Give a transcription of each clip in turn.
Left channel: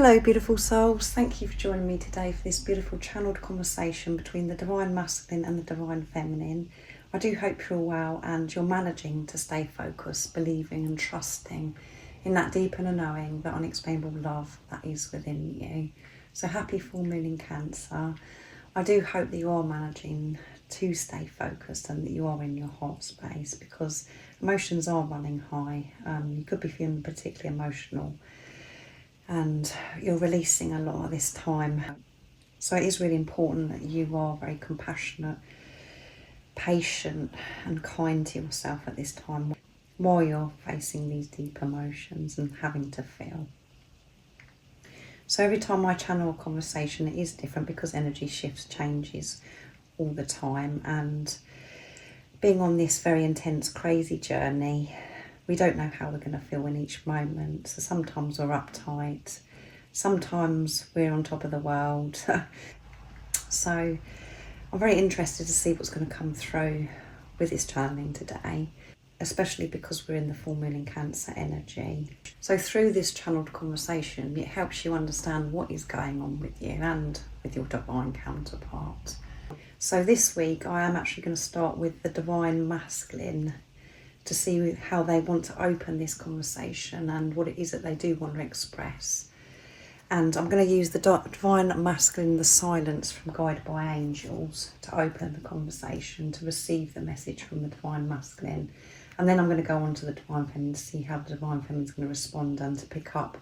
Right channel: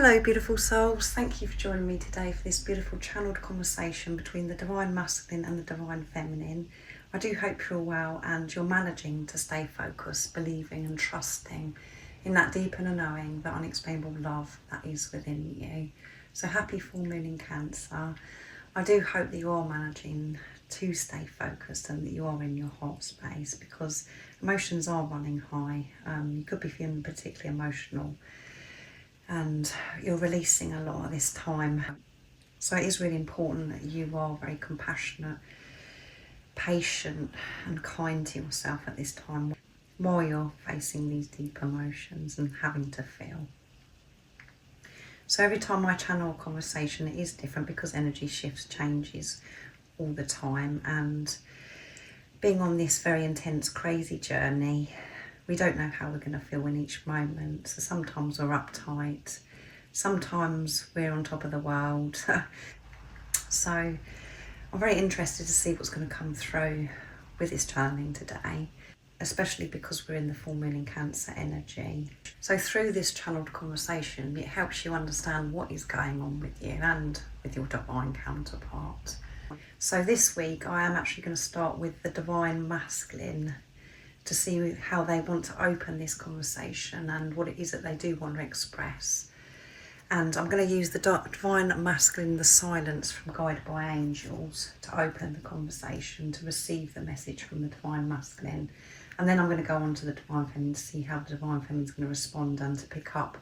Hello beautiful souls, thank you for joining me today for this beautiful channeled conversation between the Divine Masculine and the Divine Feminine. I do hope you're well and you're managing to stay focused, believing and trusting in that deep inner knowing, that unexplainable love that is within you. So happy full moon in Cancer. I do hope that you are managing to stay focused and that you are in your heart space, because emotions are running high. You could be feeling particularly emotional and you're releasing a lot at this time. So it is really important that you are very compassionate, patient and kind to yourself at this time while you're facing these deep emotions and having to feel. So every time I channel a conversation, it is different because energy shifts, changes all the time, and being on this very intense, crazy journey, we don't know how we're going to feel in each moment. So sometimes we're uptight, sometimes we're on top of the world. So I'm very interested to see what's going to come through with this channeling today, especially because we're in the full moon in Cancer energy. So through this channeled conversation, it helps you understand what is going on with you and with your divine counterpart. So this week I am actually going to start with the Divine Masculine to see how they want to open this conversation and what it is that they do want to express. And I'm going to use the Divine Masculine, the silence from Guided by Angels, to open the conversation, to receive the message from the Divine Masculine. And then I'm going to go on to the Divine Feminine to see how the Divine Feminine is going to respond and to pick up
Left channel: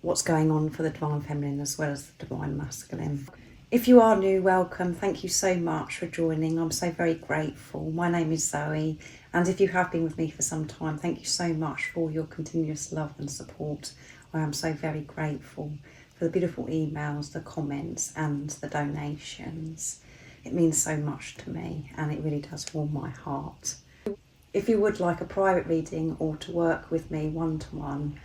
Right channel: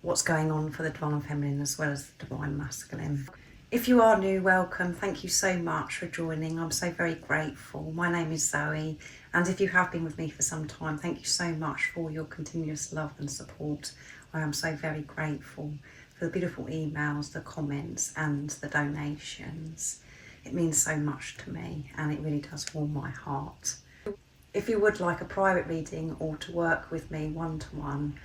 what's going on for the Divine Feminine as well as the Divine Masculine. If you are new, welcome. Thank you so much for joining. I'm so very grateful. My name is Zoe, and if you have been with me for some time, thank you so much for your continuous love and support. I am so very grateful for the beautiful emails, the comments and the donations. It means so much to me and it really does warm my heart. If you would like a private reading or to work with me one-to-one,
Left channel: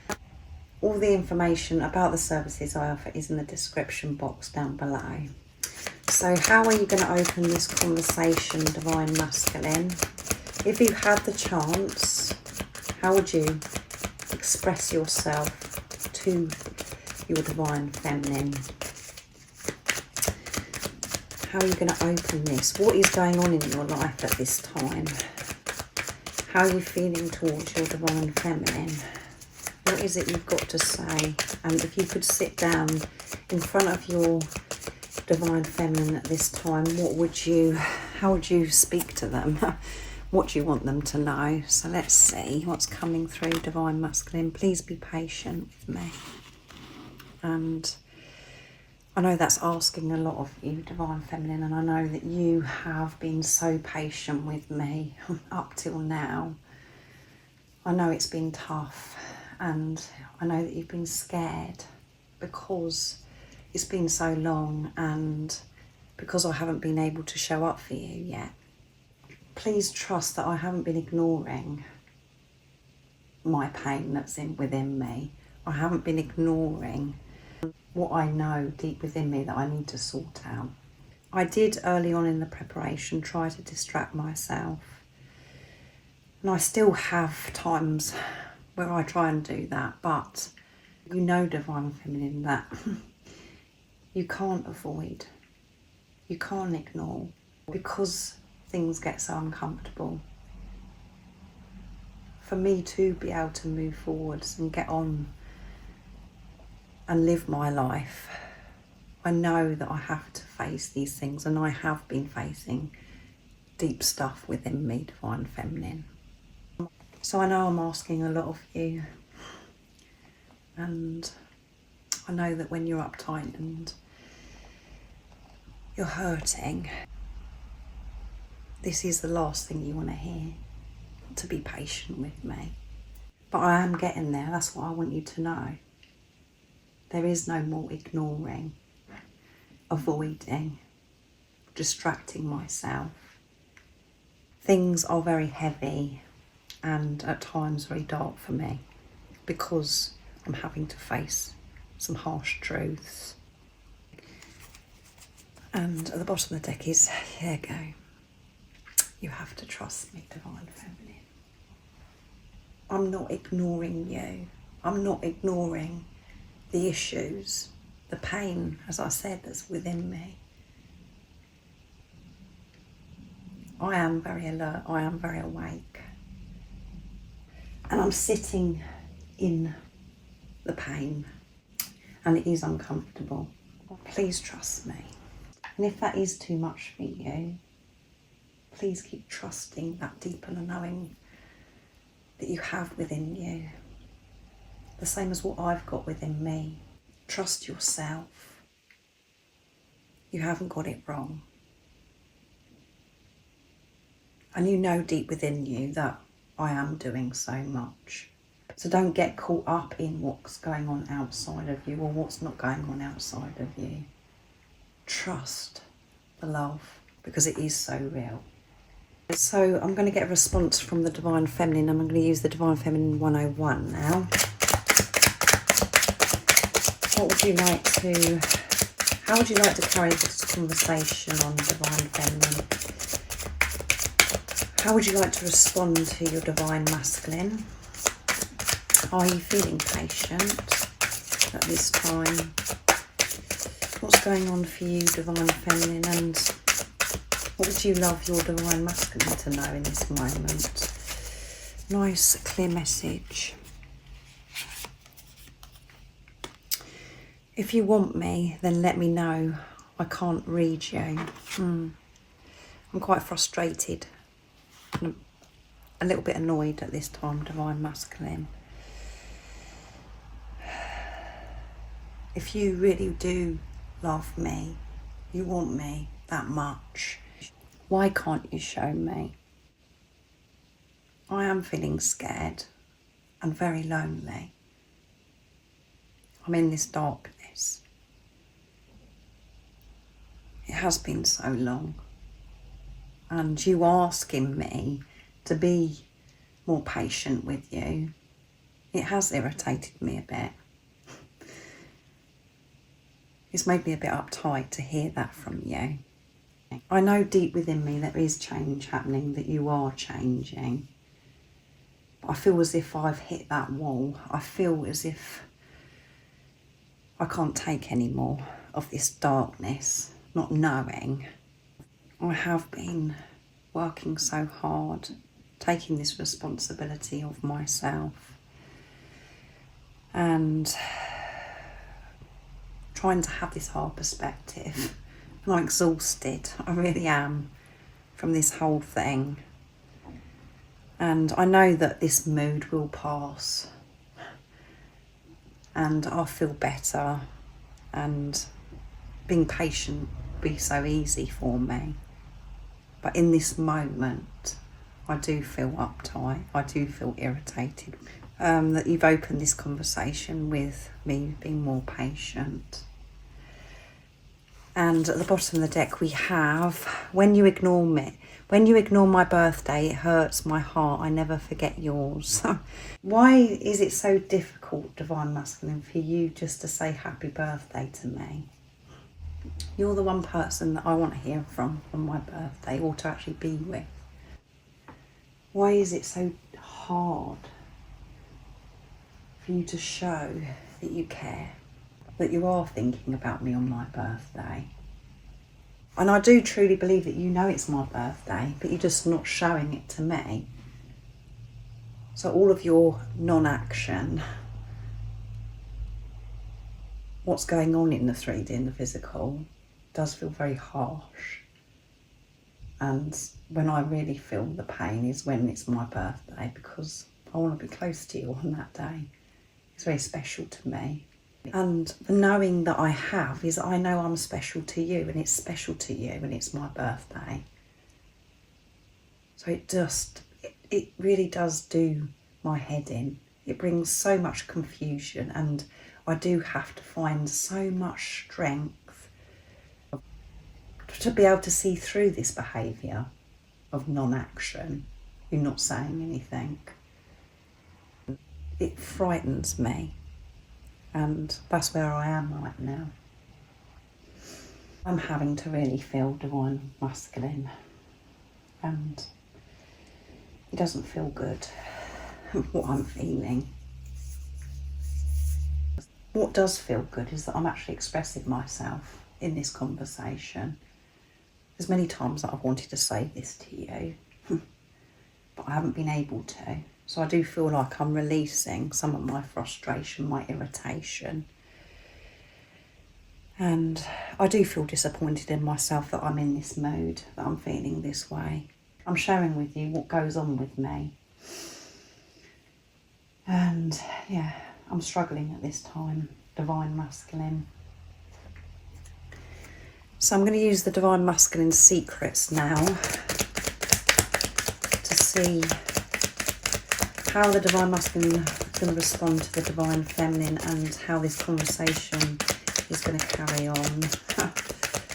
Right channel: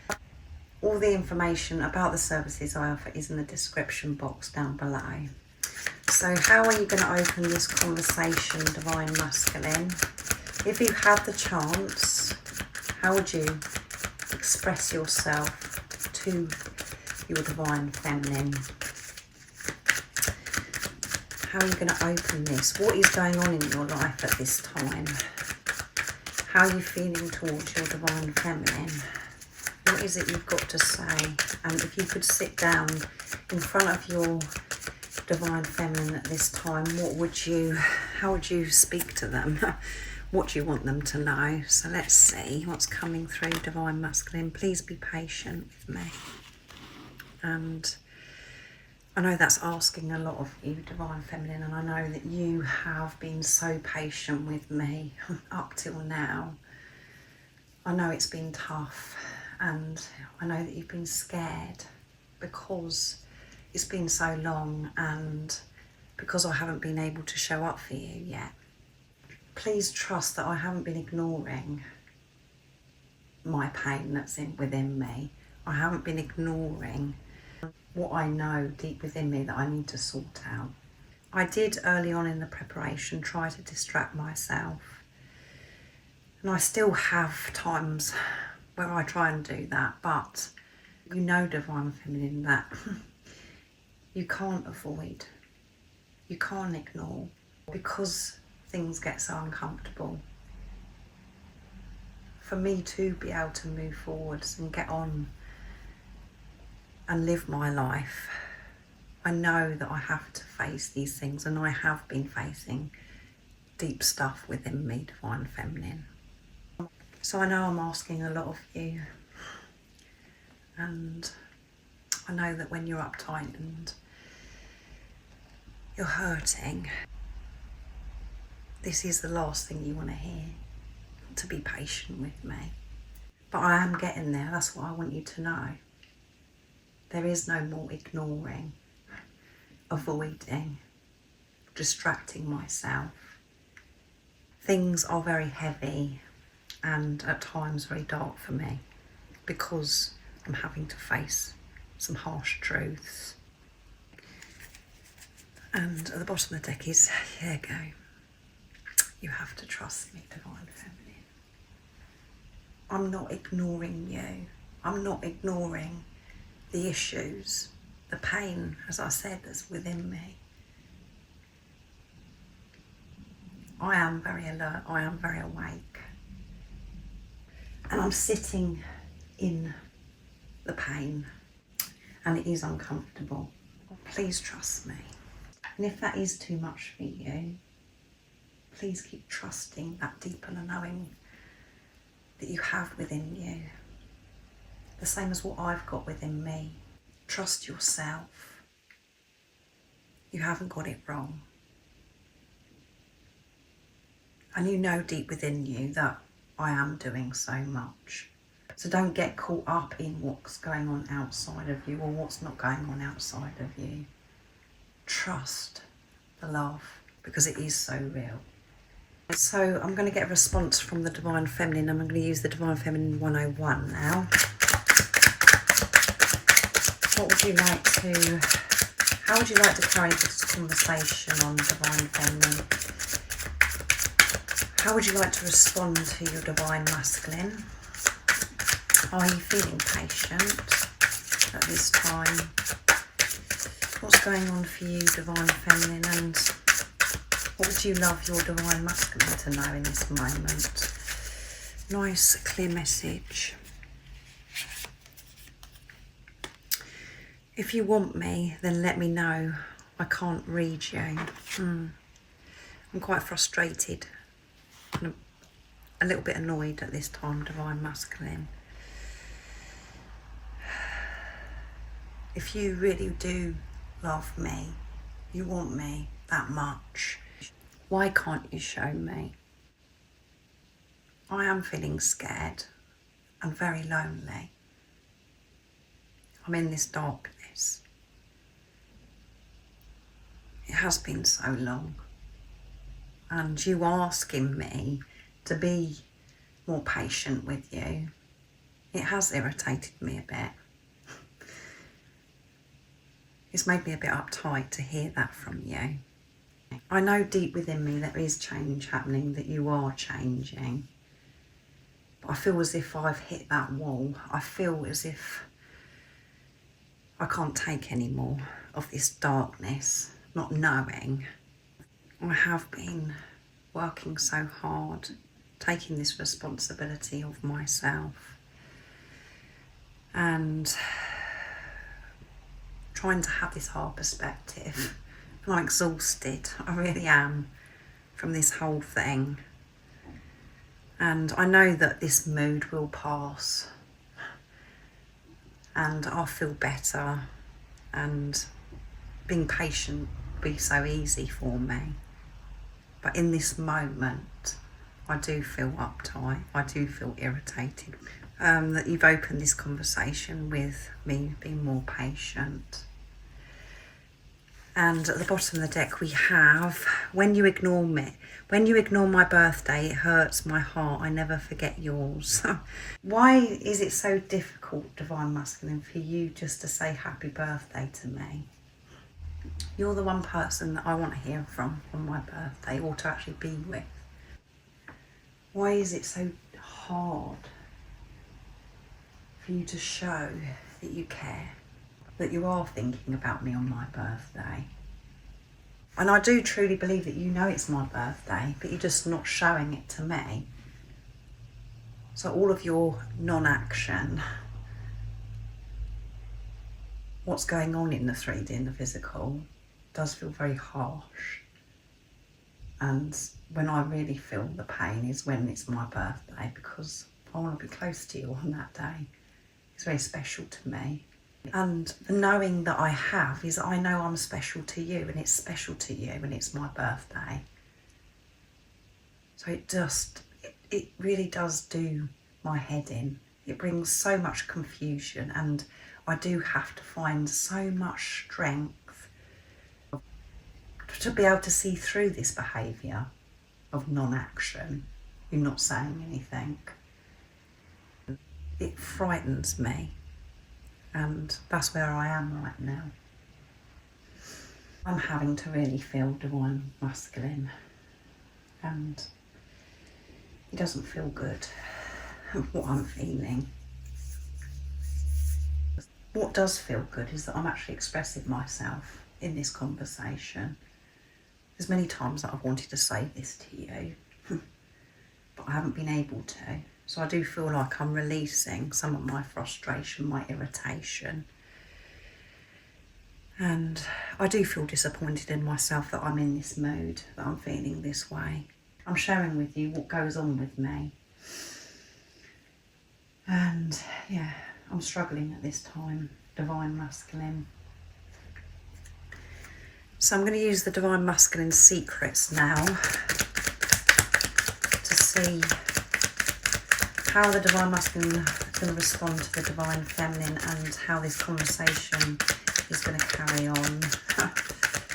all the information about the services I offer is in the description box down below. So how are you going to open this conversation, Divine Masculine? If you had the chance, how would you express yourself to your Divine Feminine? How are you going to open this? What is going on in your life at this time? How are you feeling towards your Divine Feminine? What is it you've got to say? And if you could sit down in front of your Divine Feminine at this time, how would you speak to them? What do you want them to know? So let's see what's coming through, Divine Masculine. Please be patient with me. And I know that's asking a lot of you, Divine Feminine, and I know that you have been so patient with me up till now. I know it's been tough. And I know that you've been scared because it's been so long and because I haven't been able to show up for you yet. Please trust that I haven't been ignoring my pain that's within me. I haven't been ignoring what I know deep within me that I need to sort out. I did early on in the preparation try to distract myself, and I still have times where I try and do that, but you know, Divine Feminine, that you can't avoid, you can't ignore, because things get so uncomfortable. For me to be able to move forwards and get on and live my life, I know that I have to face these things, and I have been facing deep stuff within me, Divine Feminine. So I know I'm asking a lot of you, and I know that when you're uptight and you're hurting, this is the last thing you want to hear, to be patient with me. But I am getting there, that's what I want you to know. There is no more ignoring, avoiding, distracting myself. Things are very heavy and at times very dark for me because I'm having to face some harsh truths. And at the bottom of the deck is, here you go. You have to trust me, Divine Feminine. I'm not ignoring you. I'm not ignoring the issues, the pain, as I said, that's within me. I am very alert, I am very awake. And I'm sitting in the pain, and it is uncomfortable. Please trust me. And if that is too much for you, please keep trusting that deeper knowing that you have within you. The same as what I've got within me. Trust yourself. You haven't got it wrong. And you know deep within you that I am doing so much. So don't get caught up in what's going on outside of you or what's not going on outside of you. Trust the love, because it is so real. So I'm going to get a response from the Divine Feminine. I'm going to use the Divine Feminine 101 now. What would you like to, how would you like to carry this conversation on Divine Feminine? How would you like to respond to your Divine Masculine? Are you feeling patient at this time? What's going on for you, Divine Feminine, and what would you love your Divine Masculine to know in this moment? Nice, clear message. If you want me, then let me know. I can't read you. I'm quite frustrated and a little bit annoyed at this time, Divine Masculine. If you really do love me, you want me that much, why can't you show me? I am feeling scared and very lonely. I'm in this darkness. It has been so long. And you asking me to be more patient with you, it has irritated me a bit. It's made me a bit uptight to hear that from you. I know deep within me there is change happening, that you are changing. But I feel as if I've hit that wall. I feel as if I can't take any more of this darkness, not knowing. I have been working so hard, taking this responsibility of myself and trying to have this hard perspective. And I'm exhausted, I really am, from this whole thing. And I know that this mood will pass and I'll feel better, and being patient will be so easy for me. But in this moment, I do feel uptight, I do feel irritated that you've opened this conversation with me being more patient. And at the bottom of the deck we have, when you ignore me, when you ignore my birthday, it hurts my heart, I never forget yours. Why is it so difficult, Divine Masculine, for you just to say happy birthday to me? You're the one person that I want to hear from on my birthday, or to actually be with. Why is it so hard for you to show that you care, that you are thinking about me on my birthday? And I do truly believe that you know it's my birthday, but you're just not showing it to me. So all of your non-action, what's going on in the 3D and the physical, does feel very harsh. And when I really feel the pain is when it's my birthday, because I want to be close to you on that day. It's very special to me. And the knowing that I have is I know I'm special to you, and it's special to you when it's my birthday. So it really does do my head in. It brings so much confusion, and I do have to find so much strength to be able to see through this behaviour of non-action. You're not saying anything. It frightens me. And that's where I am right now. I'm having to really feel Divine Masculine, and it doesn't feel good what I'm feeling. What does feel good is that I'm actually expressing myself in this conversation. There's many times that I've wanted to say this to you, but I haven't been able to. So I do feel like I'm releasing some of my frustration, my irritation. And I do feel disappointed in myself that I'm in this mood, that I'm feeling this way. I'm sharing with you what goes on with me. And yeah, I'm struggling at this time, Divine Masculine. So I'm going to use the Divine Masculine secrets now to see how the Divine Masculine is going to respond to the Divine Feminine and how this conversation is going to carry on.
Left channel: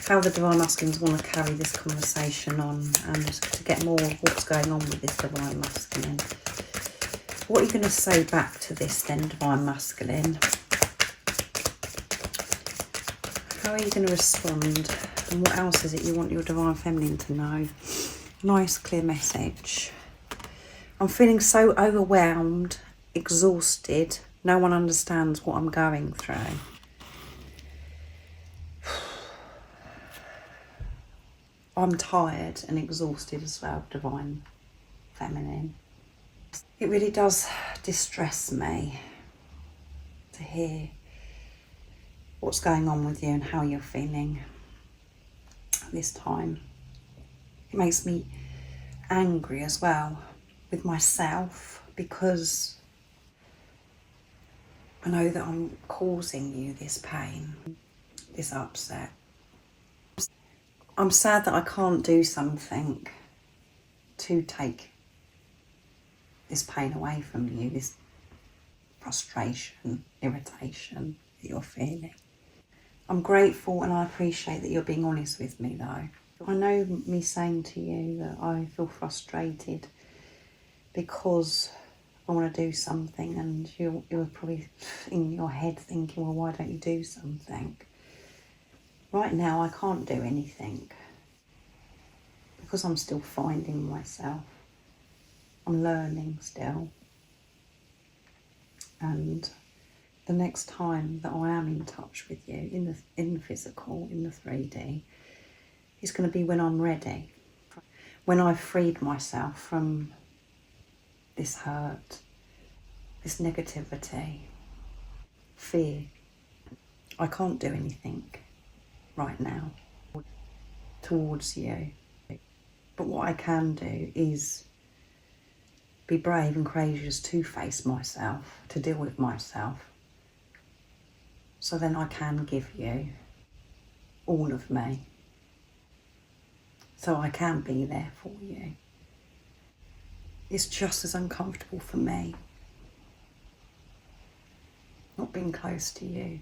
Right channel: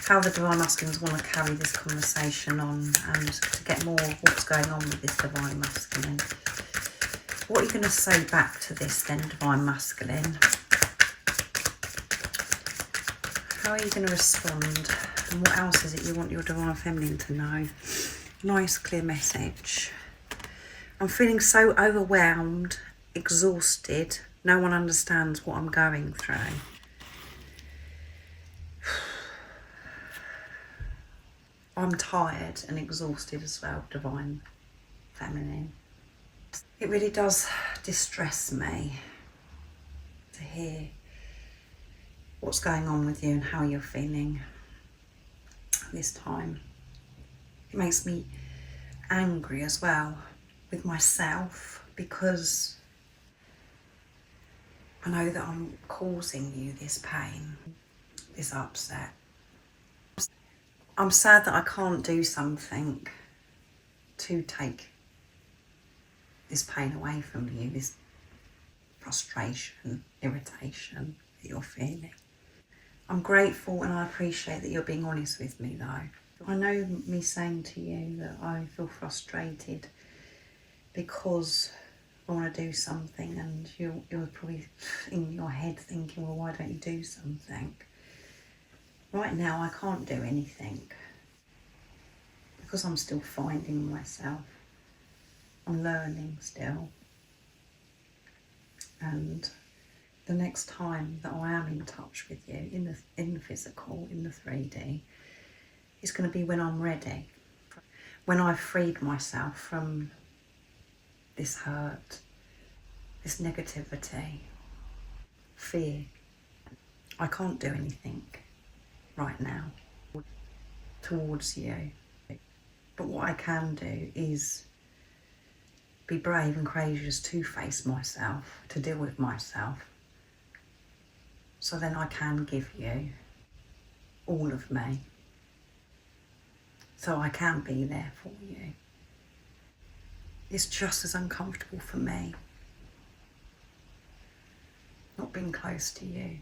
How the Divine Masculines want to carry this conversation on and to get more of what's going on with this Divine Masculine. What are you going to say back to this then, Divine Masculine? How are you going to respond? And what else is it you want your Divine Feminine to know? Nice, clear message. I'm feeling so overwhelmed, exhausted. No one understands what I'm going through. I'm tired and exhausted as well, Divine Feminine. It really does distress me to hear what's going on with you and how you're feeling this time. It makes me angry as well with myself because I know that I'm causing you this pain, this upset. I'm sad that I can't do something to take this pain away from you, this frustration, irritation that you're feeling. I'm grateful and I appreciate that you're being honest with me though. I know me saying to you that I feel frustrated because I want to do something and you're probably in your head thinking, well, why don't you do something? Right now I can't do anything because I'm still finding myself. I'm learning still. And the next time that I am in touch with you in the physical, in the 3D, is going to be when I'm ready. When I've freed myself from this hurt, this negativity, fear. I can't do anything right now towards you. But what I can do is be brave and courageous to face myself, to deal with myself. So then I can give you all of me. So I can be there for you. It's just as uncomfortable for me not being close to you,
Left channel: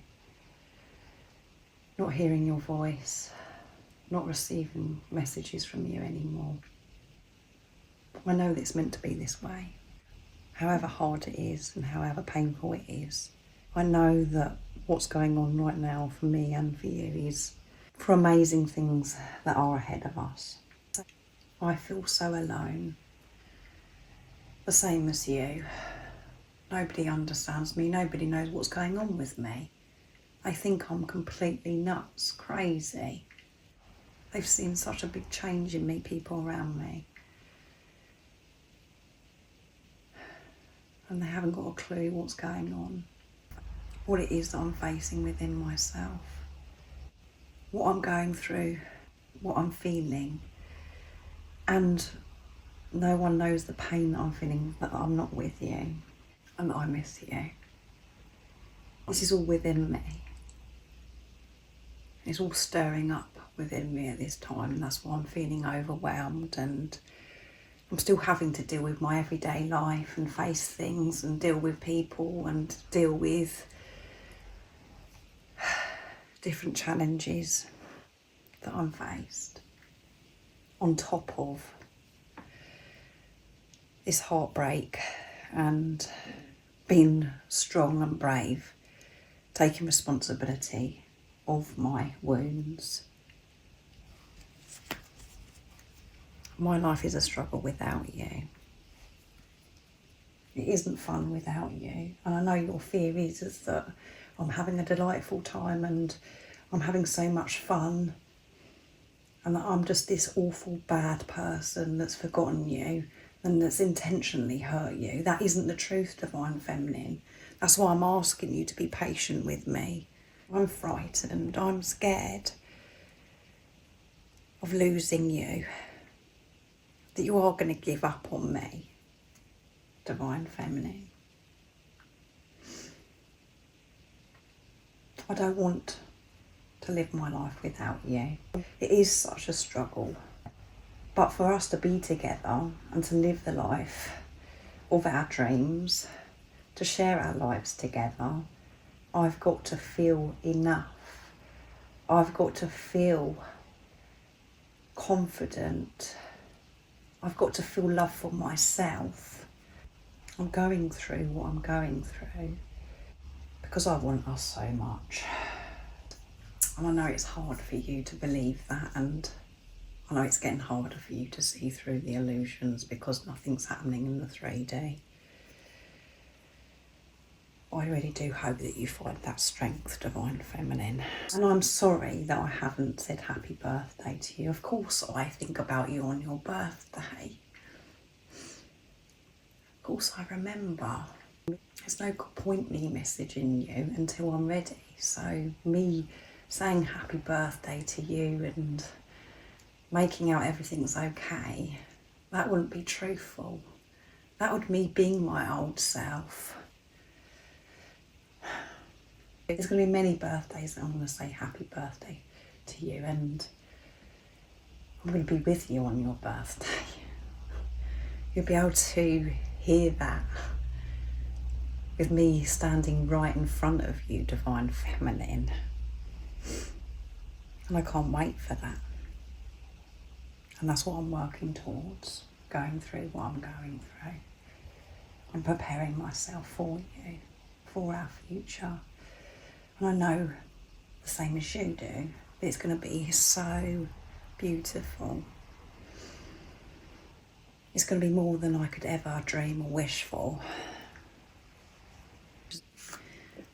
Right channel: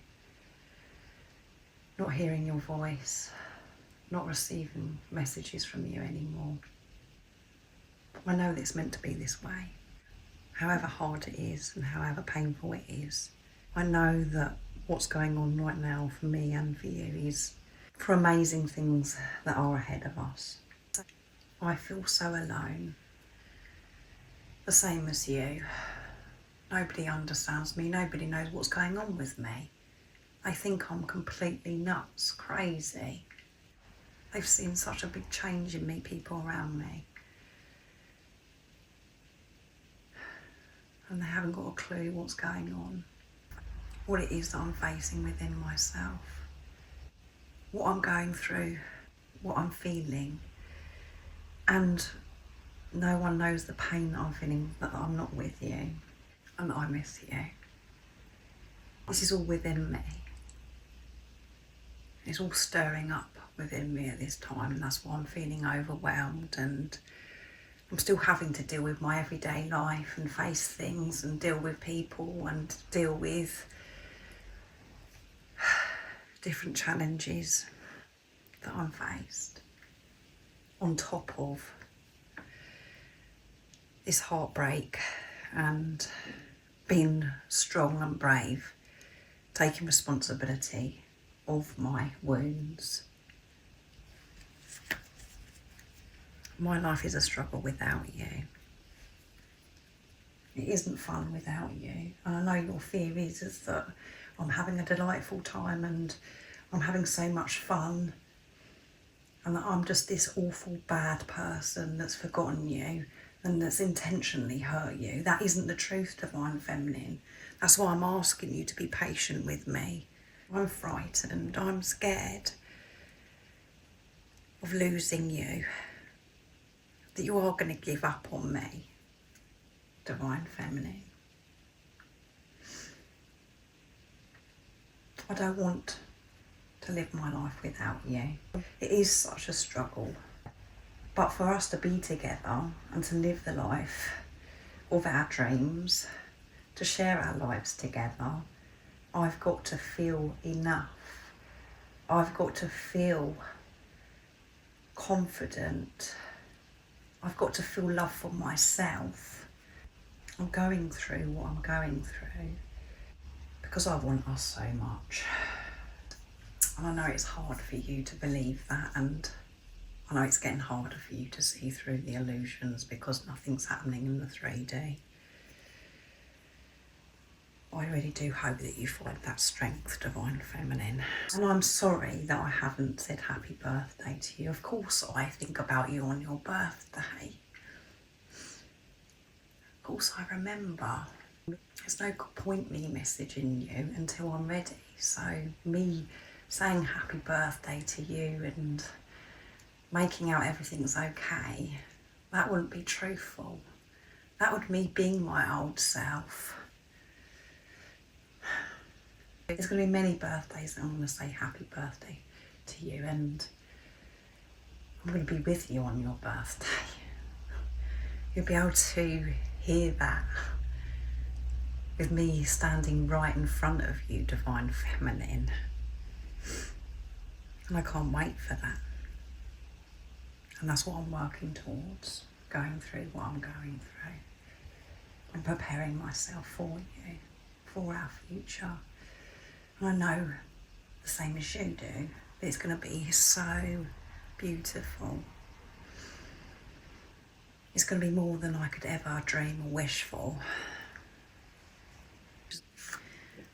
not hearing your voice, not receiving messages from you anymore. I know that it's meant to be this way. However hard it is and however painful it is, I know that what's going on right now for me and for you is for amazing things that are ahead of us. I feel so alone. The same as you. Nobody understands me. Nobody knows what's going on with me. They think I'm completely nuts, crazy. They've seen such a big change in me, people around me. And they haven't got a clue what's going on. What it is that I'm facing within myself. What I'm going through, what I'm feeling. And no one knows the pain that I'm feeling, that I'm not with you and that I miss you. This is all within me. It's all stirring up within me at this time, and that's why I'm feeling overwhelmed, and I'm still having to deal with my everyday life and face things and deal with people and deal with different challenges that I'm faced on top of this heartbreak and being strong and brave, taking responsibility of my wounds. My life is a struggle without you. It isn't fun without you. And I know your fear is that I'm having a delightful time and I'm having so much fun, and that I'm just this awful bad person that's forgotten you and that's intentionally hurt you. That isn't the truth, Divine Feminine. That's why I'm asking you to be patient with me. I'm frightened, I'm scared of losing you, that you are going to give up on me, Divine Feminine. I don't want to live my life without you. It is such a struggle. But for us to be together and to live the life of our dreams, to share our lives together, I've got to feel enough. I've got to feel confident. I've got to feel love for myself. I'm going through what I'm going through because I want us so much. And I know it's hard for you to believe that, and I know it's getting harder for you to see through the illusions because nothing's happening in the 3D. I really do hope that you find that strength, Divine Feminine. And I'm sorry that I haven't said happy birthday to you. Of course I think about you on your birthday. Of course I remember. There's no point me messaging you until I'm ready. So me saying happy birthday to you and making out everything's okay, that wouldn't be truthful. That would be me being my old self. There's going to be many birthdays that I'm going to say happy birthday to you, and I'm going to be with you on your birthday. You'll be able to hear that with me standing right in front of you, Divine Feminine. And I can't wait for that. And that's what I'm working towards, going through what I'm going through. I'm preparing myself for you, for our future. And I know the same as you do, but it's going to be so beautiful. It's going to be more than I could ever dream or wish for.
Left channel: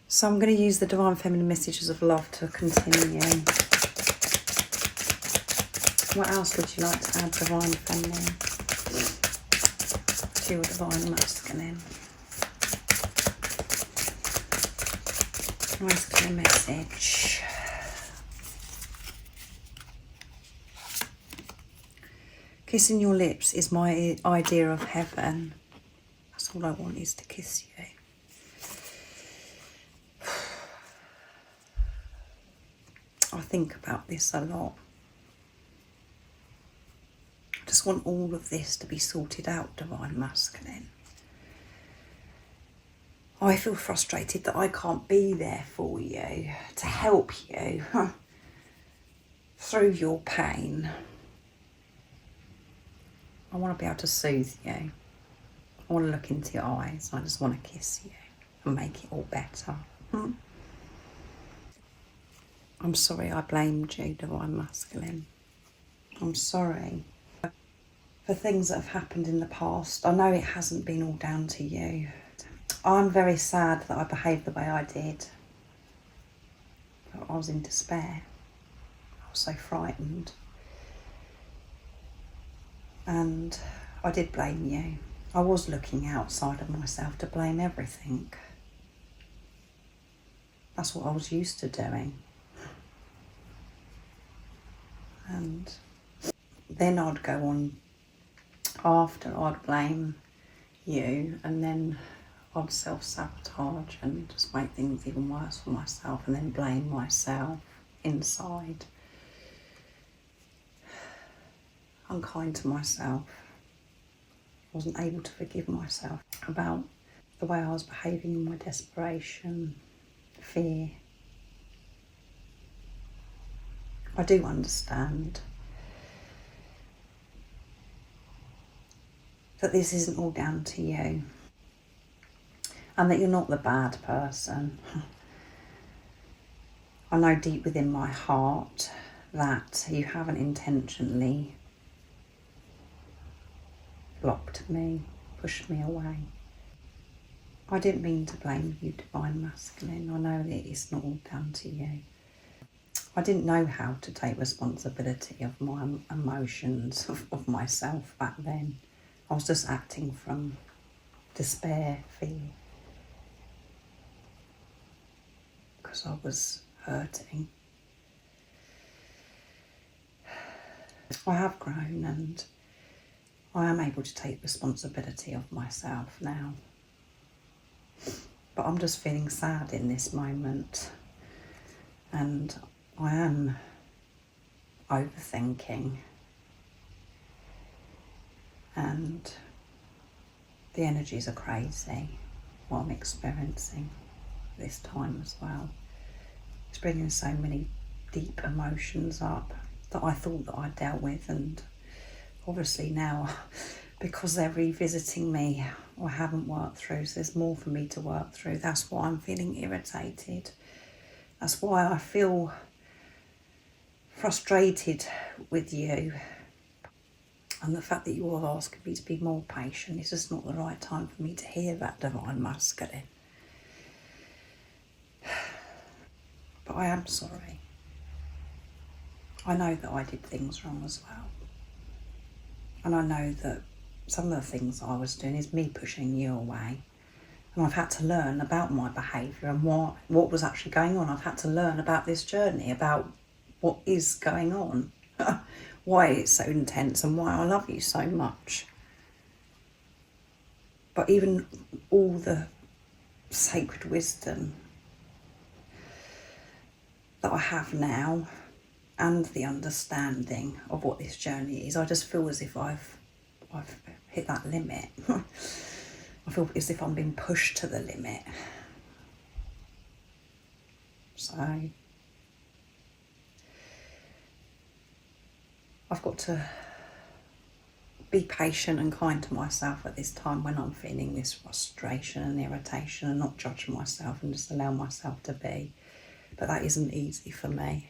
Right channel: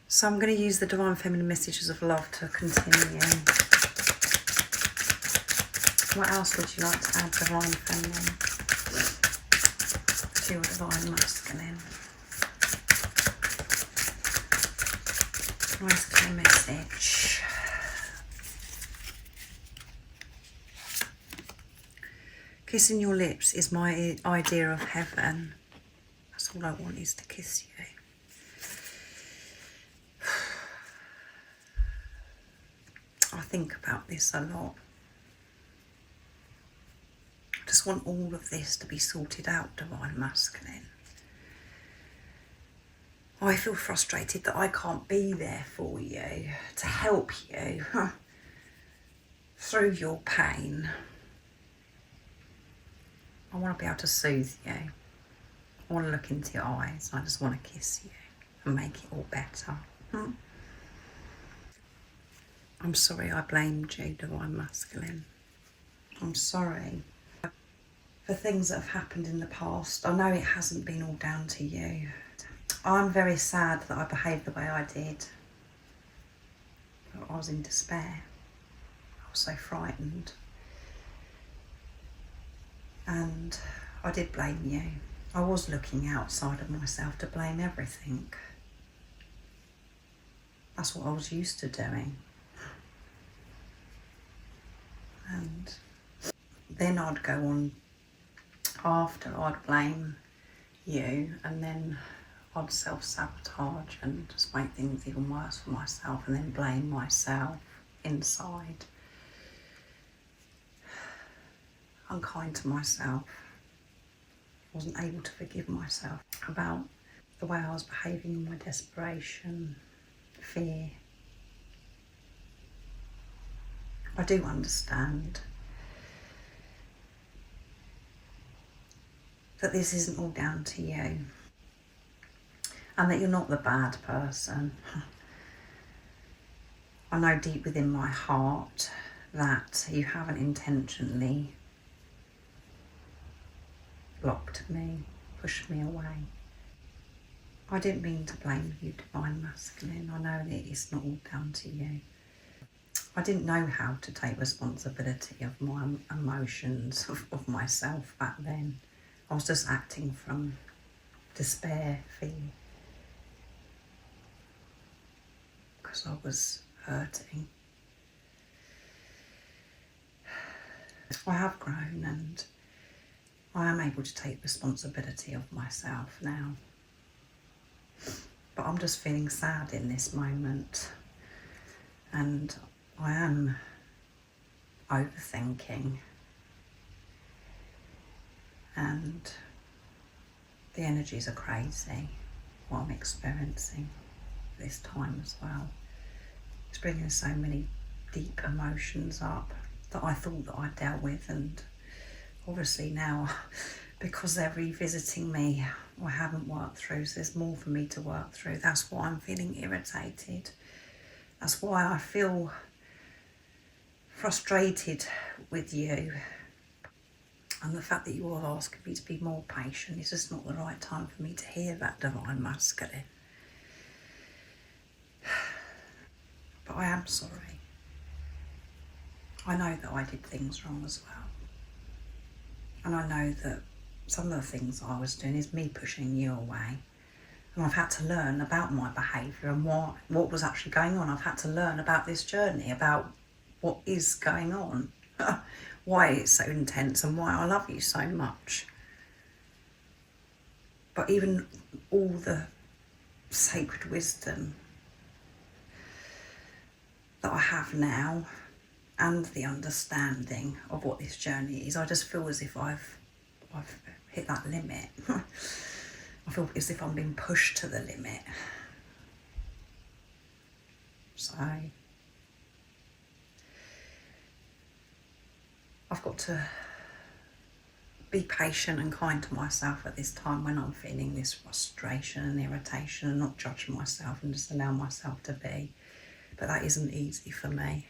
So I'm going to use the Divine Feminine messages of love to continue. What else would you like to add, Divine Feminine, to your Divine Masculine? Nice clear message. Kissing your lips is my idea of heaven. That's all I want, is to kiss you. I think about this a lot. I just want all of this to be sorted out, Divine Masculine. I feel frustrated that I can't be there for you, to help you through your pain. I want to be able to soothe you. I want to look into your eyes. I just want to kiss you and make it all better. I'm sorry I blamed you, Divine Masculine. I'm sorry for things that have happened in the past. I know it hasn't been all down to you. I'm very sad that I behaved the way I did. I was in despair. I was so frightened. And I did blame you. I was looking outside of myself to blame everything. That's what I was used to doing. And then I'd go on after, I'd blame you, and then I'd self-sabotage and just make things even worse for myself, and then blame myself inside. Unkind to myself. Wasn't able to forgive myself about the way I was behaving in my desperation, fear. I do understand that this isn't all down to you, and that you're not the bad person. I know deep within my heart that you haven't intentionally blocked me, pushed me away. I didn't mean to blame you, Divine Masculine. I know that it's not all down to you. I didn't know how to take responsibility of my emotions, of myself back then. I was just acting from despair, fear, because I was hurting. I have grown and I am able to take responsibility of myself now. But I'm just feeling sad in this moment, and I am overthinking, and the energies are crazy, what I'm experiencing this time as well. It's bringing so many deep emotions up that I thought that I dealt with, and obviously now, because they're revisiting me, I haven't worked through, so there's more for me to work through. That's why I'm feeling irritated. That's why I feel frustrated with you. And the fact that you are asking me to be more patient, it's just not the right time for me to hear that, Divine Masculine. But I am sorry. I know that I did things wrong as well. And I know that some of the things I was doing is me pushing you away. And I've had to learn about my behaviour and what was actually going on. I've had to learn about this journey, about what is going on, why it's so intense and why I love you so much. But even all the sacred wisdom that I have now and the understanding of what this journey is, I just feel as if I've hit that limit. I feel as if I'm being pushed to the limit. So I've got to be patient and kind to myself at this time when I'm feeling this frustration and irritation, and not judge myself and just allow myself to be. But that isn't easy for me.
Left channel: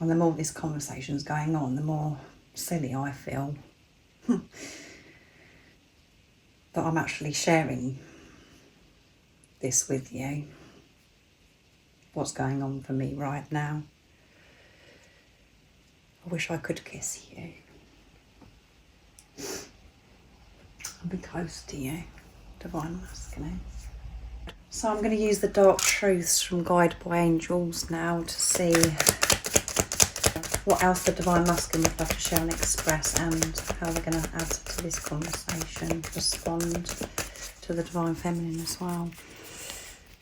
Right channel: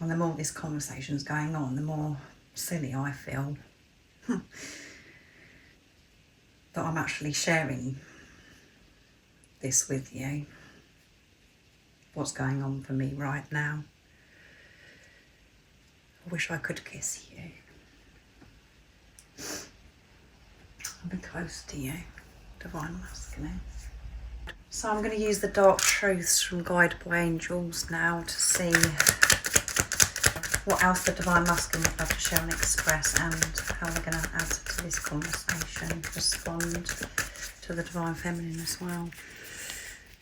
And the more this conversation's going on, the more silly I feel that I'm actually sharing this with you, what's going on for me right now. I wish I could kiss you and be close to you, Divine Masculine. So I'm going to use the dark truths from Guided by Angels now to see what else the Divine Masculine would love to share and express, and how we're going to add to this conversation, respond to the Divine Feminine as well.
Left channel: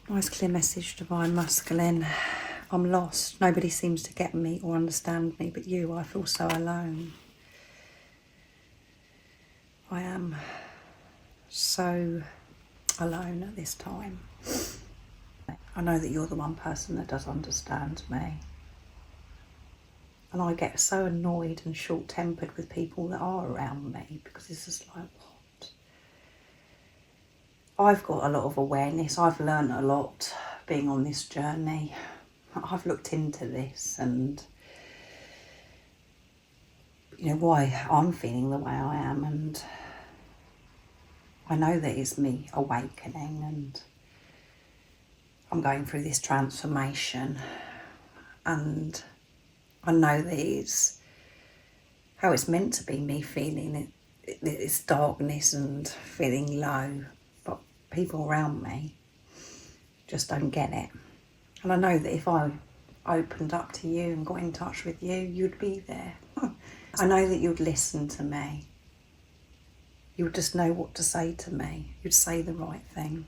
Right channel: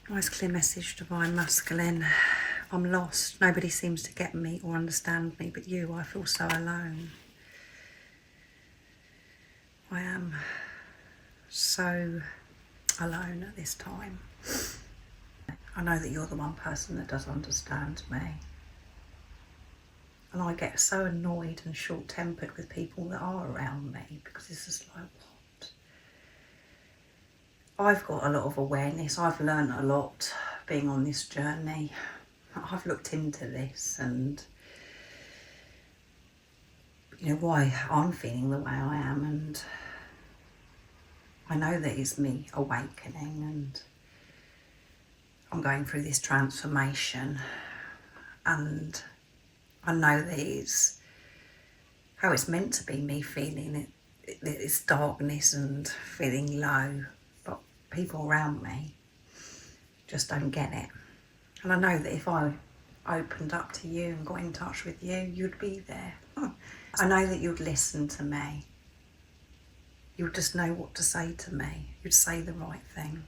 Nice clear message, Divine Masculine. I'm lost. Nobody seems to get me or understand me but you. I feel so alone. I am so alone at this time. I know that you're the one person that does understand me. And I get so annoyed and short-tempered with people that are around me, because it's just like, what? I've got a lot of awareness. I've learned a lot being on this journey. I've looked into this and, you know, why I'm feeling the way I am, and I know that it's me awakening, and I'm going through this transformation, and I know that it's how it's meant to be, me feeling this darkness and feeling low, but people around me just don't get it. And I know that if I opened up to you and got in touch with you, you'd be there. I know that you'd listen to me. You would just know what to say to me. You'd say the right thing.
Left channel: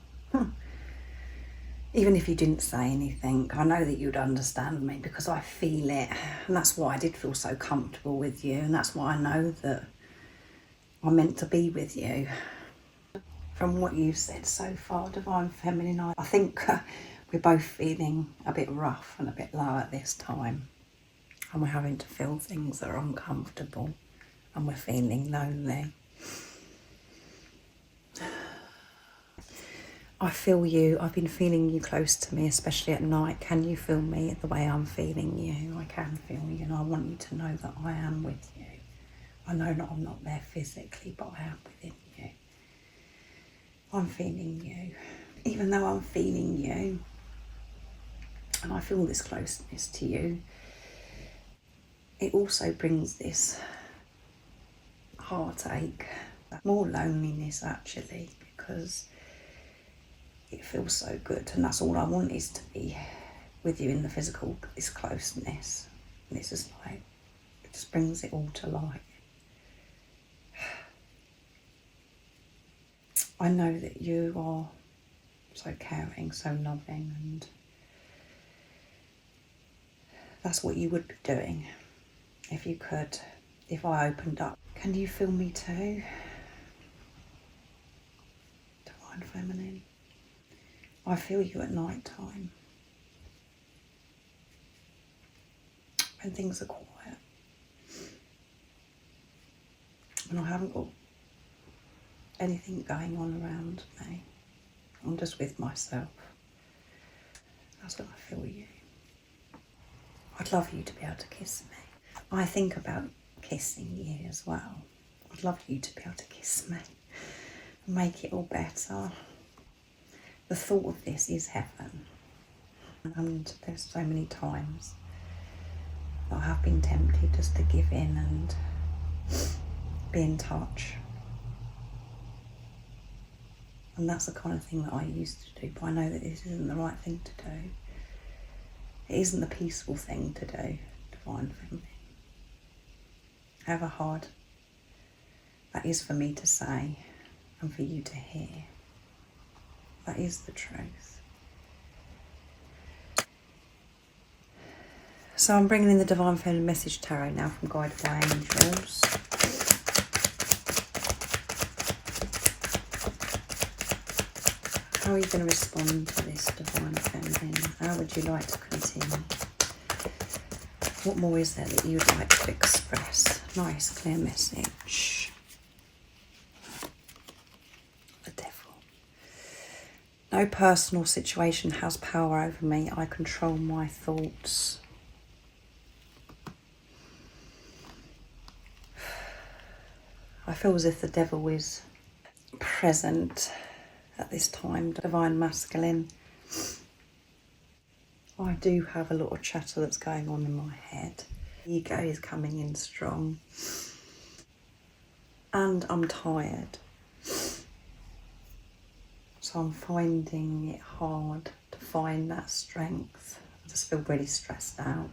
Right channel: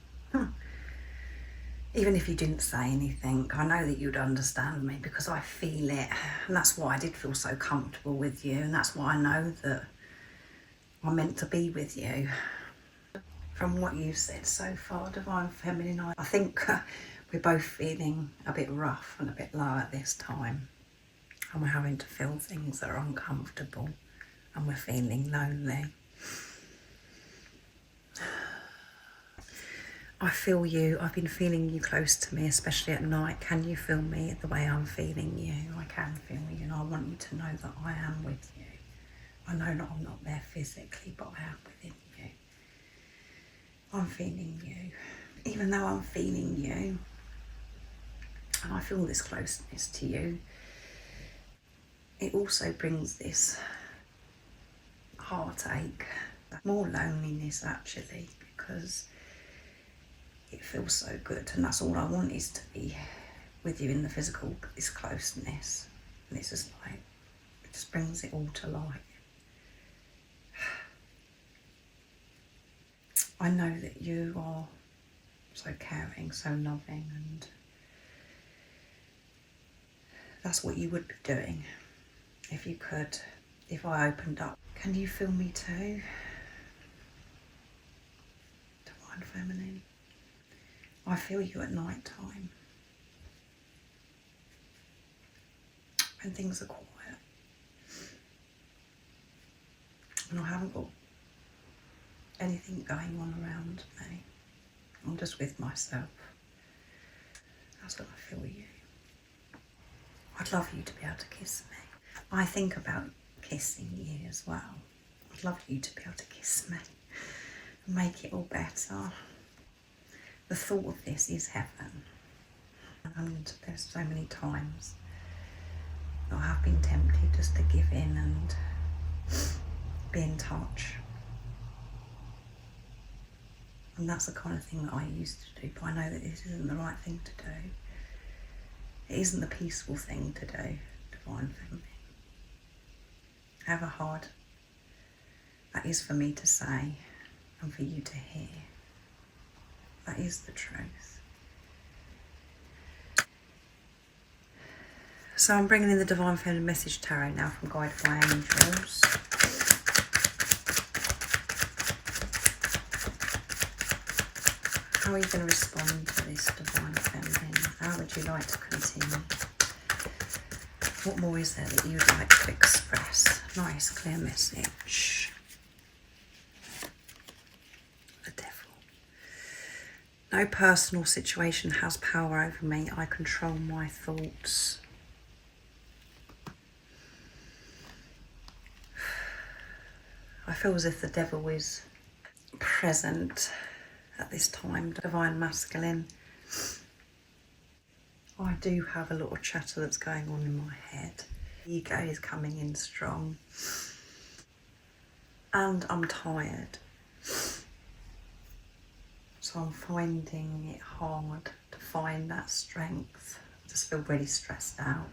Even if you didn't say anything, I know that you'd understand me, because I feel it. And that's why I did feel so comfortable with you. And that's why I know that I'm meant to be with you. From what you've said so far, Divine Feminine, I think we're both feeling a bit rough and a bit low at this time. And we're having to feel things that are uncomfortable. And we're feeling lonely. I feel you. I've been feeling you close to me, especially at night. Can you feel me the way I'm feeling you? I can feel you, and I want you to know that I am with you. I know that I'm not there physically, but I am within you. I'm feeling you. Even though I'm feeling you, and I feel this closeness to you, it also brings this heartache, more loneliness actually, because it feels so good, and that's all I want, is to be with you in the physical, this closeness. And it's just like, it just brings it all to light. I know that you are so caring, so loving, and that's what you would be doing if you could, if I opened up. Can you feel me too? Divine Feminine. I feel you at night time. When things are quiet. And I haven't got anything going on around me. I'm just with myself. That's when I feel you. I'd love you to be able to kiss me. I think about kissing you as well. I'd love you to be able to kiss me and make it all better. The thought of this is heaven. And there's so many times that I have been tempted just to give in and be in touch. And that's the kind of thing that I used to do, but I know that this isn't the right thing to do. It isn't the peaceful thing to do, Divine Feminine. However hard that is for me to say and for you to hear, that is the truth. So I'm bringing in the Divine Feminine Message Tarot now from Guided by Angels. How are you going to respond to this, Divine Feminine? How would you like to continue? What more is there that you'd like to express? Nice, clear message. The Devil. No personal situation has power over me. I control my thoughts. I feel as if the Devil is present at this time, Divine Masculine. I do have a lot of chatter that's going on in my head. Ego is coming in strong. And I'm tired. So I'm finding it hard to find that strength. I just feel really stressed out.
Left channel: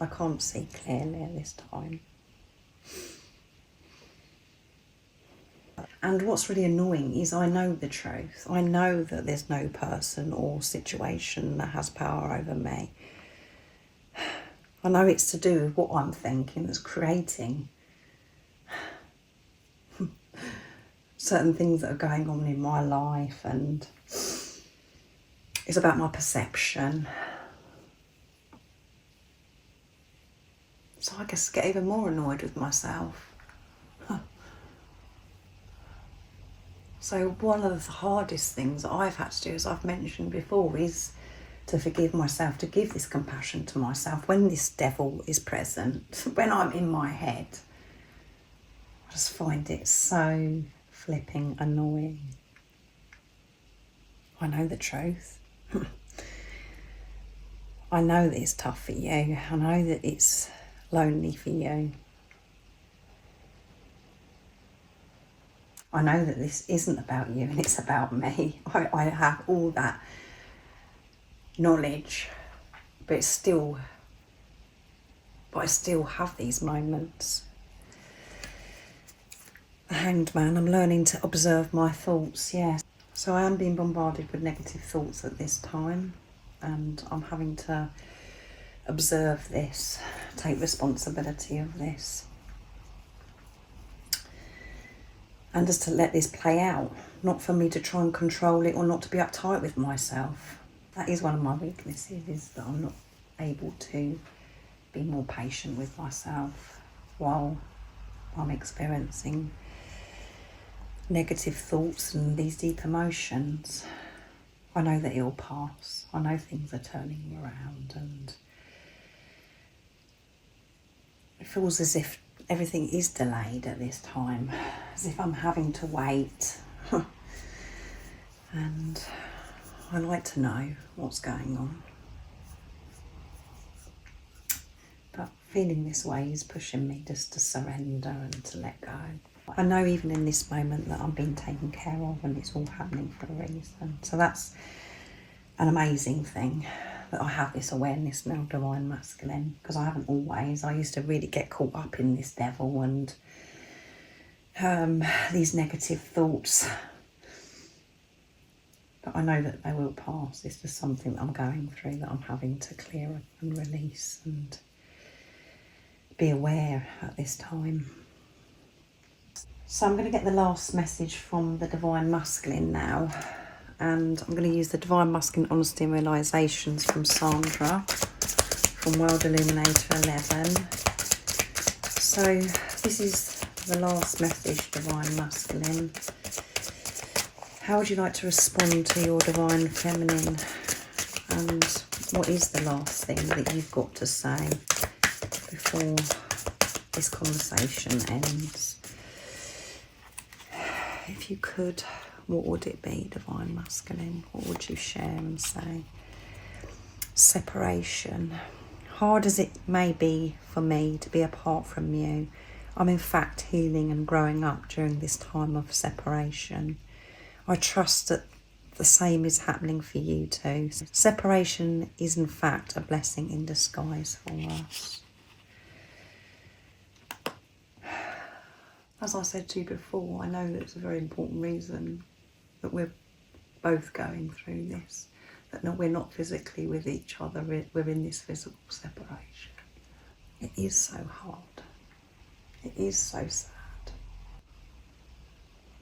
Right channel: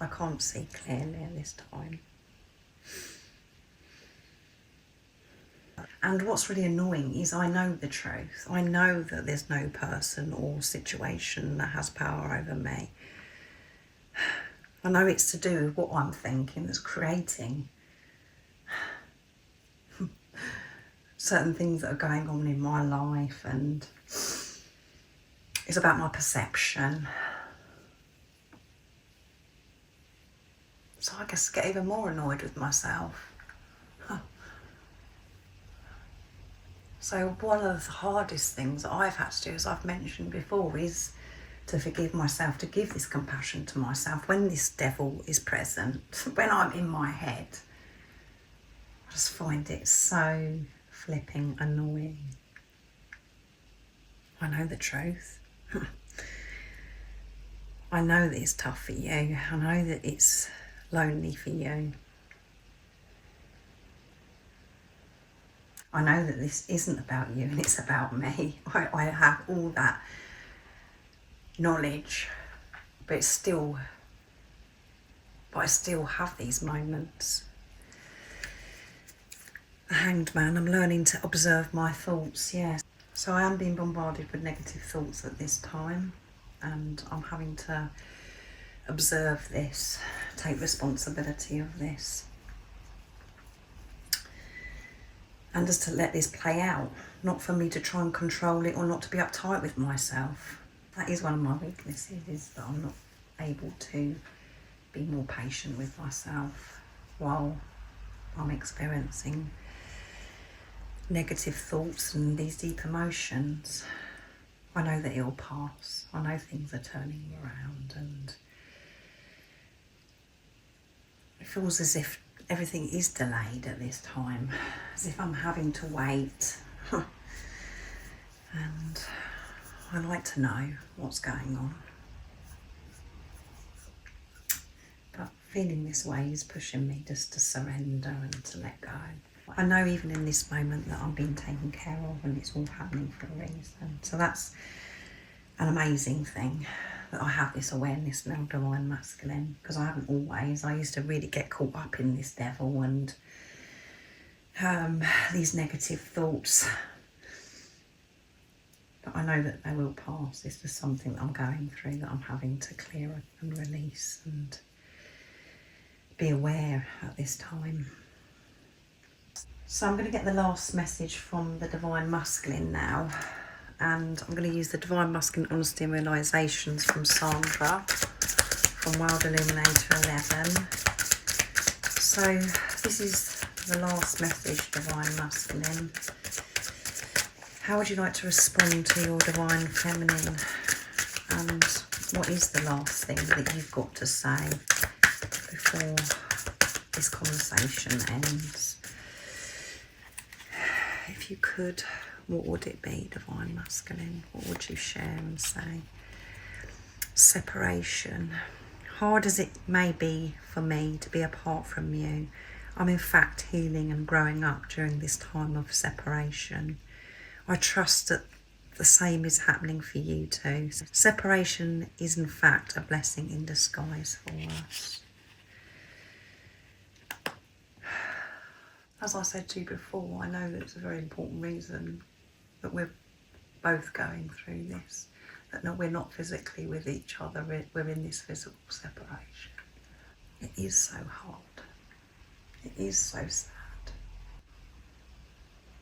I can't see clearly at this time. And what's really annoying is I know the truth. I know that there's no person or situation that has power over me. I know it's to do with what I'm thinking that's creating certain things that are going on in my life, and it's about my perception. So I guess I get even more annoyed with myself. So one of the hardest things that I've had to do, as I've mentioned before, is to forgive myself, to give this compassion to myself when this devil is present, when I'm in my head. I just find it so flipping annoying. I know the truth. I know that it's tough for you. I know that it's lonely for you. I know that this isn't about you and it's about me. I have all that knowledge, but I still have these moments. The Hanged Man, I'm learning to observe my thoughts, yes. So I am being bombarded with negative thoughts at this time, and I'm having to observe this, take responsibility of this. And just to let this play out, not for me to try and control it or not to be uptight with myself. That is one of my weaknesses, is that I'm not able to be more patient with myself while I'm experiencing negative thoughts and these deep emotions. I know that it'll pass. I know things are turning around, and it feels as if everything is delayed at this time, as if I'm having to wait. And I like to know what's going on. But feeling this way is pushing me just to surrender and to let go. I know even in this moment that I'm being taken care of and it's all happening for a reason. So that's an amazing thing, that I have this awareness now, divine masculine, because I haven't always. I used to really get caught up in this devil and these negative thoughts. But I know that they will pass. It's just something that I'm going through, that I'm having to clear and release and be aware at this time. So I'm going to get the last message from the divine masculine now, and I'm going to use the divine masculine honesty and realizations from Sandra from World Illuminator 11. So this is the last message, divine masculine. How would you like to respond to your divine feminine? And what is the last thing that you've got to say before this conversation ends? If you could, what would it be, divine masculine? What would you share and say? Separation. Hard as it may be for me to be apart from you, I'm in fact healing and growing up during this time of separation. I trust that the same is happening for you too. Separation is in fact a blessing in disguise for us. As I said to you before, I know that it's a very important reason that we're both going through this, that we're not physically with each other, we're in this physical separation. It is so hard. It is so sad.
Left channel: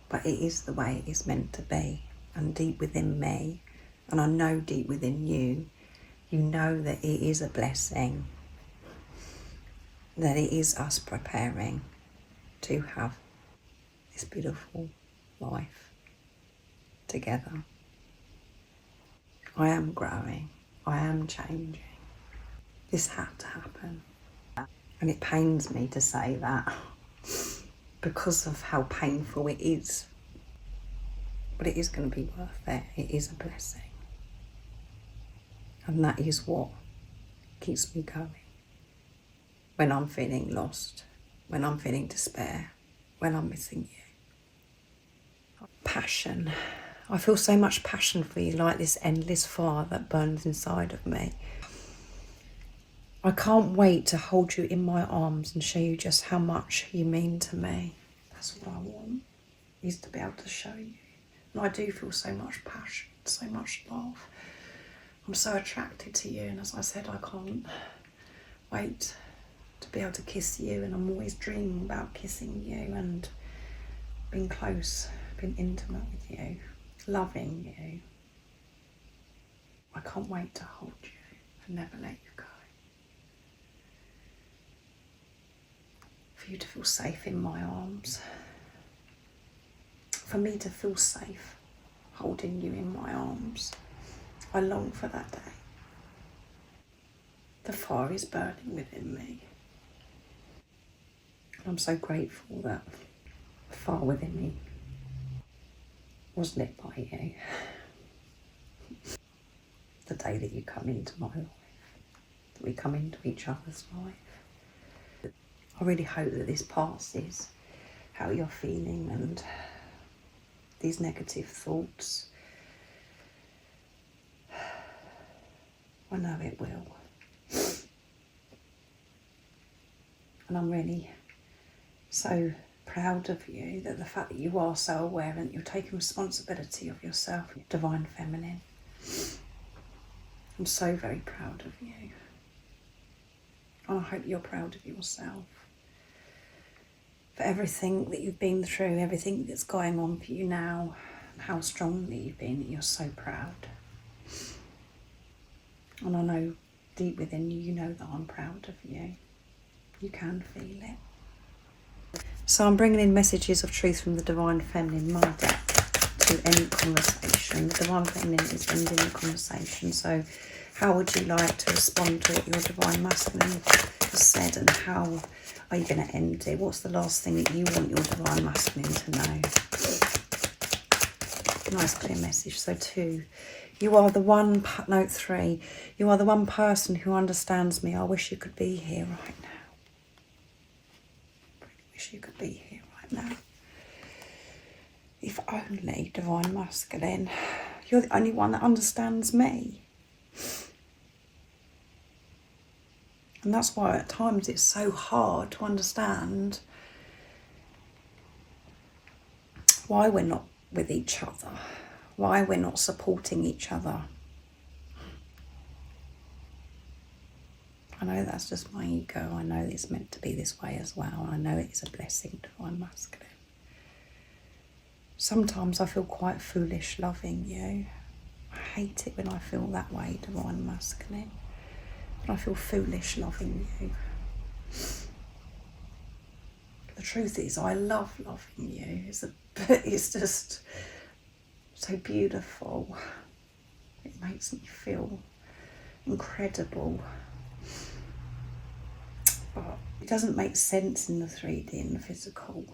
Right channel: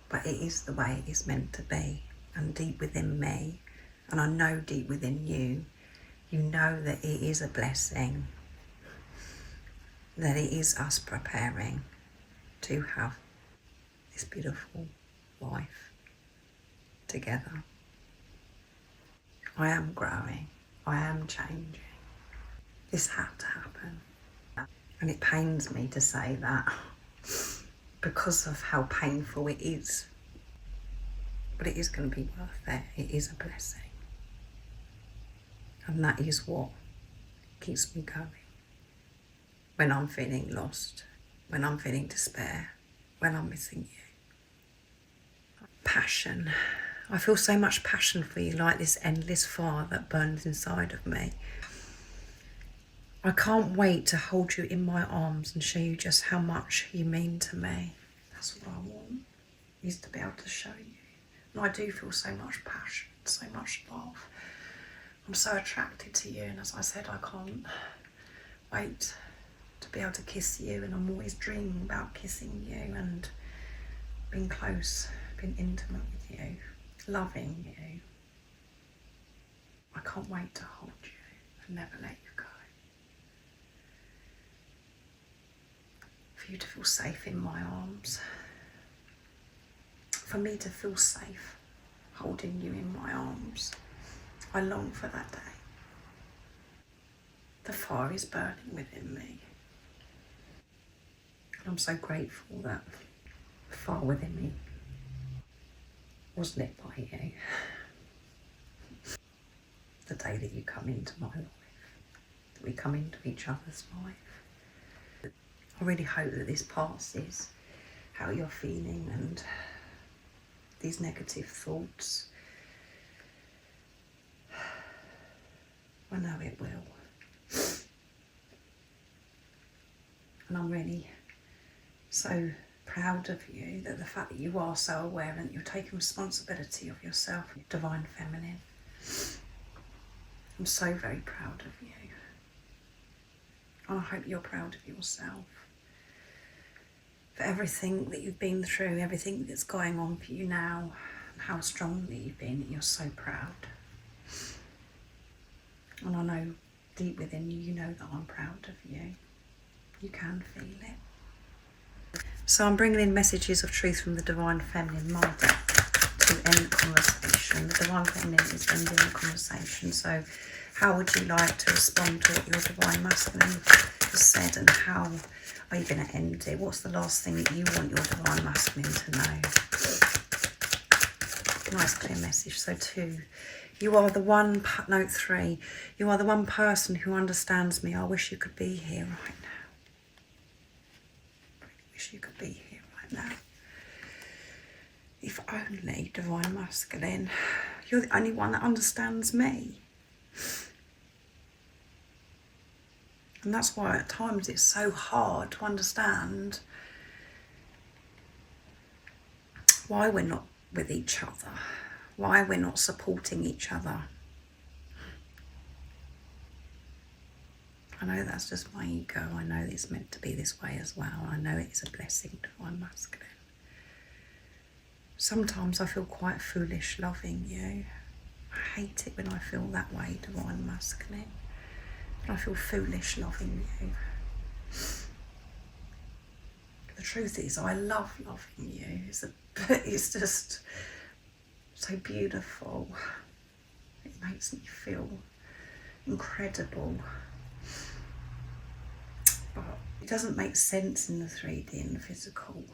But it is the way it is meant to be. And deep within me, and I know deep within you, you know that it is a blessing, that it is us preparing to have this beautiful life together. I am growing, I am changing. This had to happen. And it pains me to say that because of how painful it is. But it is going to be worth it. It is a blessing. And that is what keeps me going. When I'm feeling lost, when I'm feeling despair, when I'm missing you. Passion. I feel so much passion for you, like this endless fire that burns inside of me. I can't wait to hold you in my arms and show you just how much you mean to me. That's what I want, is to be able to show you. And I do feel so much passion, so much love. I'm so attracted to you, and as I said, I can't wait to be able to kiss you, and I'm always dreaming about kissing you and being close, being intimate with you, loving you. I can't wait to hold you and never let you go. For you to feel safe in my arms. For me to feel safe holding you in my arms. I long for that day. The fire is burning within me. And I'm so grateful that the fire within me was lit by you. The day that you come into my life, that we come into each other's life. I really hope that this passes how you're feeling and these negative thoughts. I know it will. And I'm really so proud of you, that the fact that you are so aware and that you're taking responsibility of yourself, divine feminine. I'm so very proud of you. And I hope you're proud of yourself. For everything that you've been through, everything that's going on for you now, and how strong that you've been, that you're so proud. And I know deep within you, you know that I'm proud of you. You can feel it. So I'm bringing in messages of truth from the divine feminine, my deck, to end the conversation. The divine feminine is ending the conversation. So how would you like to respond to what your divine masculine has said, and how are you going to end it? What's the last thing that you want your divine masculine to know? Nice clear message. So 2, you are the one, note 3, you are the one person who understands me. I wish you could be here right now. I wish you could be here right now. If only, Divine Masculine, you're the only one that understands me. And that's why at times it's so hard to understand why we're not with each other, why we're not supporting each other. I know that's just my ego. I know it's meant to be this way as well. I know it is a blessing, Divine Masculine. Sometimes I feel quite foolish loving you. I hate it when I feel that way, Divine Masculine. But I feel foolish loving you. The truth is, I love loving you. It's just so beautiful. It makes me feel incredible. But it doesn't make sense in the 3D and the physical.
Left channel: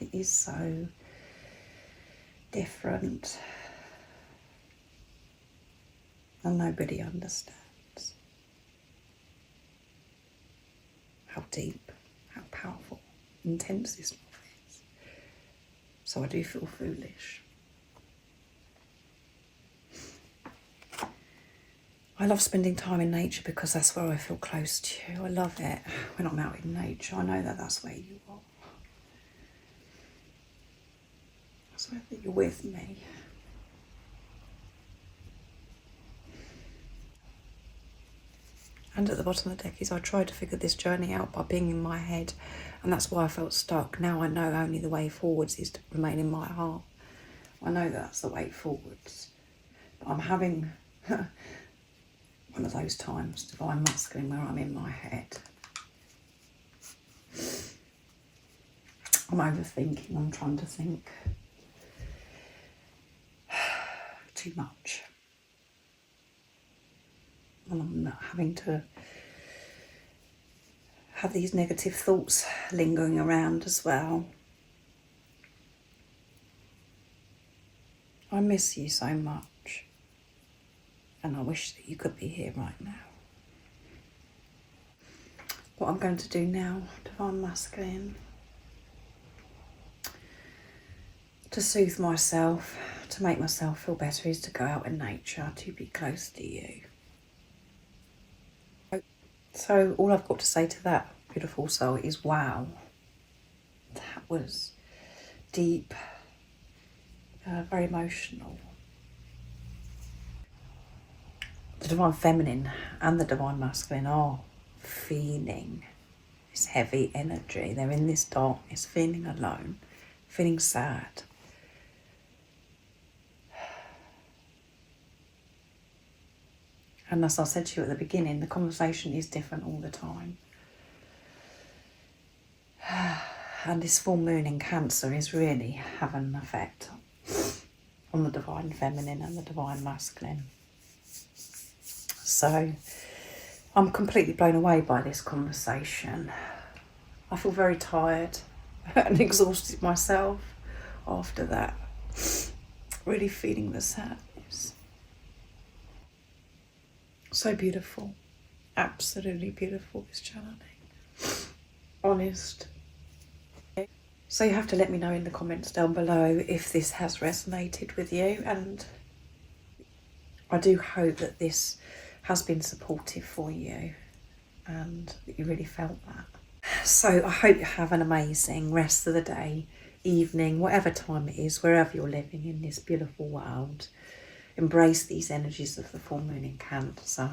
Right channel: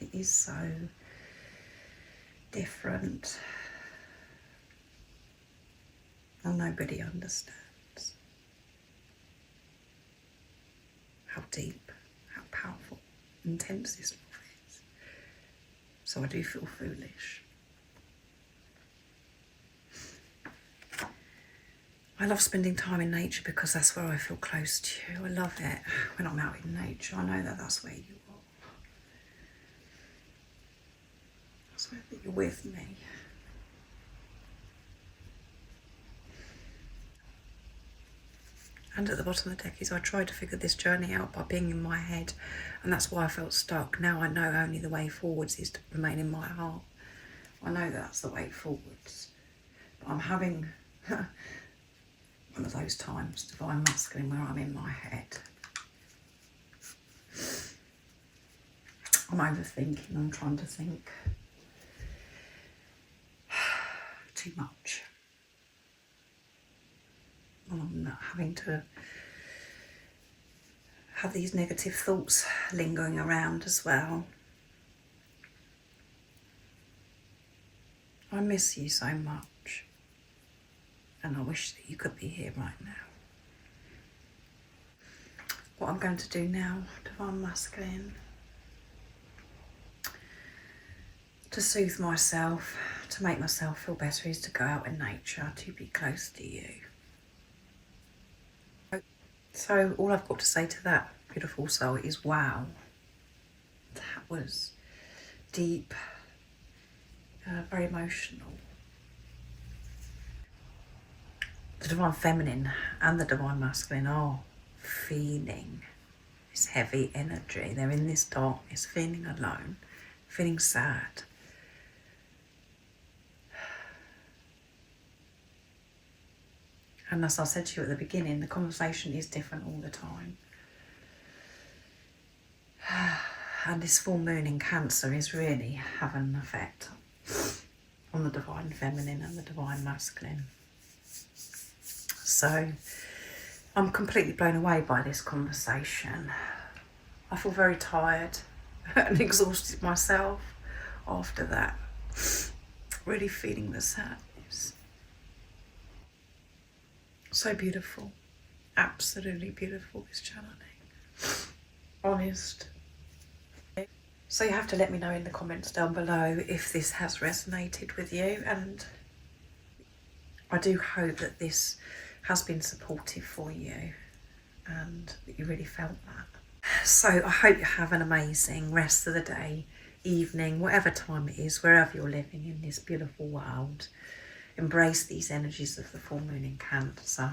It is so different, and nobody understands how deep, how powerful, intense this love is. So I do feel foolish. I love spending time in nature because that's where I feel close to you. I love it when I'm out in nature. I know that that's where you are. That's where you're with me. And at the bottom of the deck is I tried to figure this journey out by being in my head, and that's why I felt stuck. Now I know only the way forwards is to remain in my heart. I know that's the way forwards. But I'm having one of those times, Divine Masculine, where I'm in my head. I'm overthinking, I'm trying to think too much. And I'm not having to have these negative thoughts lingering around as well. I miss you so much, and I wish that you could be here right now. What I'm going to do now, Divine Masculine, to soothe myself, to make myself feel better, is to go out in nature, to be close to you. So all I've got to say to that beautiful soul is wow. That was deep, very emotional. The Divine Feminine and the Divine Masculine are feeling this heavy energy. They're in this darkness, feeling alone, feeling sad. And as I said to you at the beginning, the conversation is different all the time. And this full moon in Cancer is really having an effect on the Divine Feminine and the Divine Masculine. So I'm completely blown away by this conversation. I feel very tired and exhausted myself after that. Really feeling the sadness. So beautiful, absolutely beautiful, this channeling. Honest. So you have to let me know in the comments down below if this has resonated with you, and I do hope that this has been supportive for you and that you really felt that. So I hope you have an amazing rest of the day, evening, whatever time it is, wherever you're living in this beautiful world. Embrace these energies of the full moon in Cancer.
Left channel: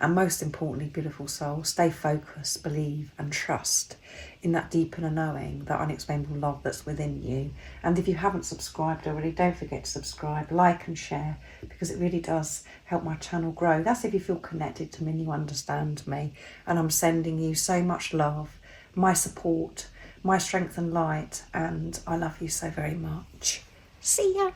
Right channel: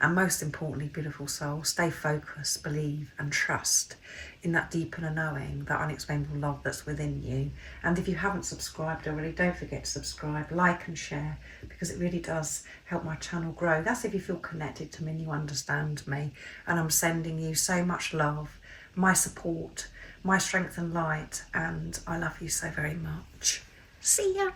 And most importantly, beautiful soul, stay focused, believe and trust in that deep inner knowing, that unexplainable love that's within you. And if you haven't subscribed already, don't forget to subscribe, like and share, because it really does help my channel grow. That's if you feel connected to me and you understand me. And I'm sending you so much love, my support, my strength and light, and I love you so very much. See ya.